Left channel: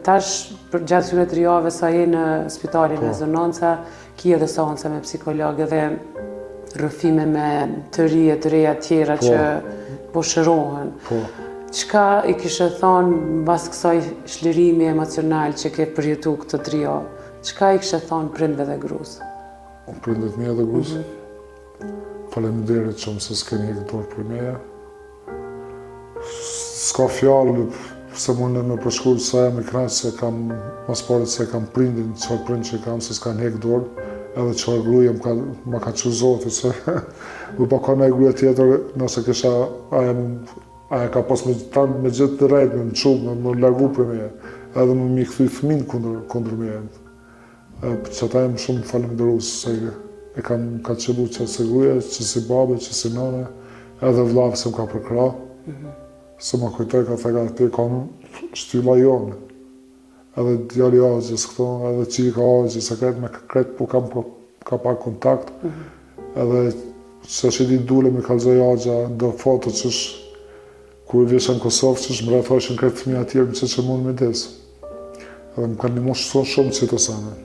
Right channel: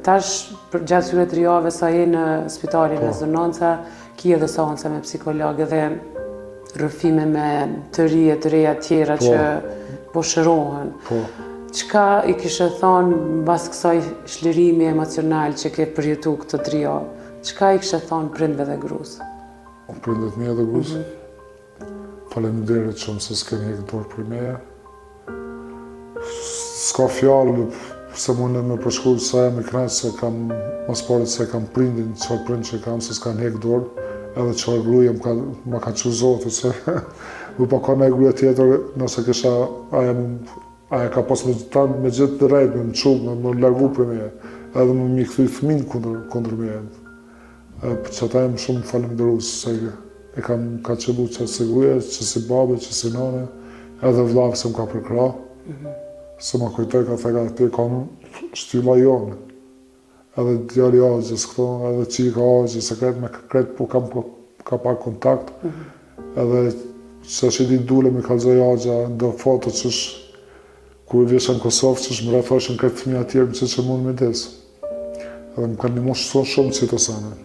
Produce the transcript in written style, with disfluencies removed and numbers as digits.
Tash, për gjatë këtyre 3 javëve sa je në spitalin e Zononca, ki edhe seanca me psikologë dhe rrëfime me të reja tjera që po shërohen. Çka i kishe thonë mbas kësaj shlirimi emocional që ke përjetu këtë 3 javë? Çka i kishe thonë prindve dhe grus? Prindve të mia dhe grus? Faleminderit shumë se s'keni hedhur dorë për me. S'ka fjalë se mundem me përshkruaj sa jam i kënaq se kam mos pare se kam prindin, çfarë prind që kam se s'kan hek dorë, edhe çfarë gruaja ma ka çu Zoti se nuk ka ndaj gruaja tjetër, nëse kisha aja ka pas me gjithë në rregull, në çull, më largu për meje, edhe më mi kthy fëmin kundër meje. Që ata jam shumë falenderues se e ka qëllu që se gruaja, që si babe, që si nane, edhe vllaf se më ka përkra. Se më kujtoj ka theka të kam shtylla jonë. Edhe djali Azhës këthon, edhe qika Azhës, se kretë me kretë, po kam ka pak kontakt. Edhe që është i ditë dule mi kanë zoj Azhë, ndo foto që është, kur vjeshe në Kosovë, që është më rafoshin kretë fëmija tjerë, që mund me desë. Edhe më kanë një moshë shumë që të sane.